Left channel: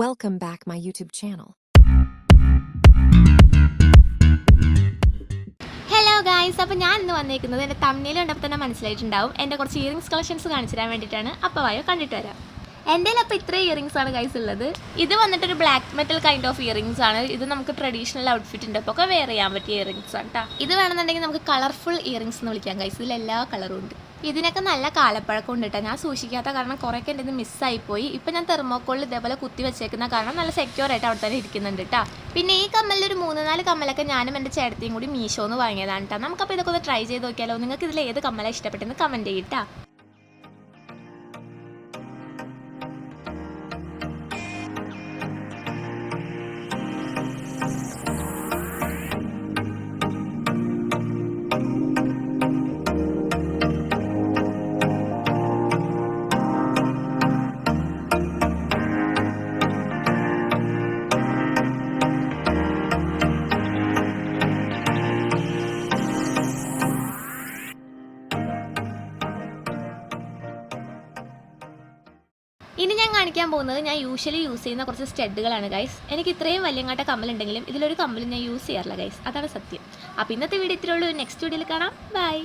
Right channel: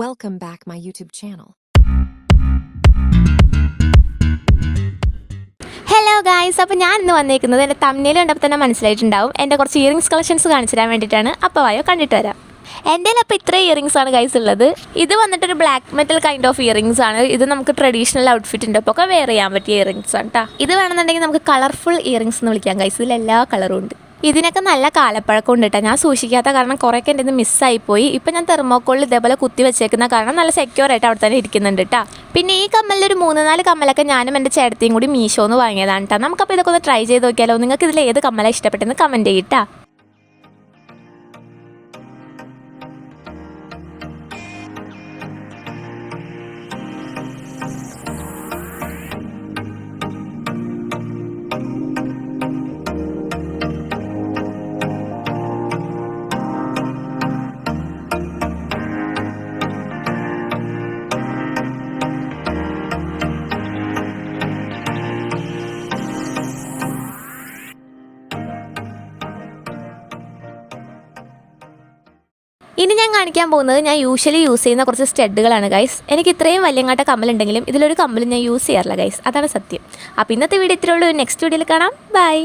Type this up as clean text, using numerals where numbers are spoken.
Welcome back my YouTube channel. Hello guys, അപ്പോൾ ഞാൻ ഇന്ന് വന്നിരിക്കുന്നത് എൻ്റെ തമ്മിൽ കണ്ടപ്പോൾ തന്നെ മനസ്സിലായിട്ടുണ്ടാവും എൻ്റെ കുറച്ച് ഇയറിംഗ്സ് കളക്ഷൻസ് കാണിച്ചു തരാൻ വേണ്ടിയിട്ടാണ്. അപ്പോൾ വായോ കണ്ടിട്ട് വരാം. എൻ്റെ അപ്പോൾ ഇത്ര ഇയറിംഗ്സ് ആണ് ഗൈസ് ഉള്ളത്. ഇത് വന്നിട്ടൊരു black metal kind of earrings ആണ്. ഇത് നമുക്ക് ട്രഡീഷണൽ ഔട്ട്ഫിറ്റിൻ്റെ ഒപ്പം ഒക്കെ വെയർ ചെയ്യാൻ പറ്റിയ ഇയറിംഗ്സ് ആണ് കേട്ടോ. ഇത് വേണമെന്നുണ്ടെങ്കിൽ നമുക്ക് കളർഫുൾ ഇയറിംഗ്സ് എന്ന് വിളിക്കാം ഗൈസ്. ഇതിൽ എല്ലാ കളറും ഉണ്ട്. ഇതിനൊക്കെ നല്ല കാലപ്പഴക്കം ഉണ്ട് കേട്ടോ. ഞാൻ സൂക്ഷിക്കാത്ത കാരണം കുറേയൊക്കെ എൻ്റെ ഇത് മിസ്സായിപ്പോയി. ഇപ്പം ഞാൻ തെർമോക്കോളിൽ ഇതേപോലെ കുത്തി വെച്ചേക്കുന്ന കാരണം നല്ല സെക്യൂർ ആയിട്ട് അവിടെ തന്നെ ഇരിക്കുന്നുണ്ട് കേട്ടോ. പിന്നെ ഈ കമ്മലിലൊരു 3-4 കമ്മലൊക്കെ ഞാനും എൻ്റെ ചേട്ടത്തിയും കൂടി മീഷോന്ന് വാങ്ങിയതാണ് കേട്ടോ. നമുക്കപ്പോൾ ഇതൊക്കെ ഒന്ന് ട്രൈ ചെയ്ത് നോക്കിയാലോ. നിങ്ങൾക്ക് ഇതിൽ ഏത് കമ്മലാണ് ഇഷ്ടപ്പെട്ടെന്ന് കമൻറ്റ് ചെയ്യട്ടാ. ഇനി ഞാൻ കാണിക്കാൻ പോകുന്നത് ഞാൻ യൂഷ്വലി യൂസ് ചെയ്യുന്ന കുറച്ച് സ്റ്റഡുകളാണ് ഗൈസ്. എനിക്ക് ഇത്രയും വലിയങ്ങാട്ട കമ്മലുണ്ടെങ്കിലും ഇതിലൊരു കമ്മലും ഞാൻ യൂസ് ചെയ്യാറില്ല ഗൈസ്. അതാണ് സത്യം. അപ്പോൾ ഇന്നത്തെ വീഡിയോ ഇത്രയേ ഉള്ളൂ. നെക്സ്റ്റ് വീഡിയോയിൽ കാണാം. ബൈ.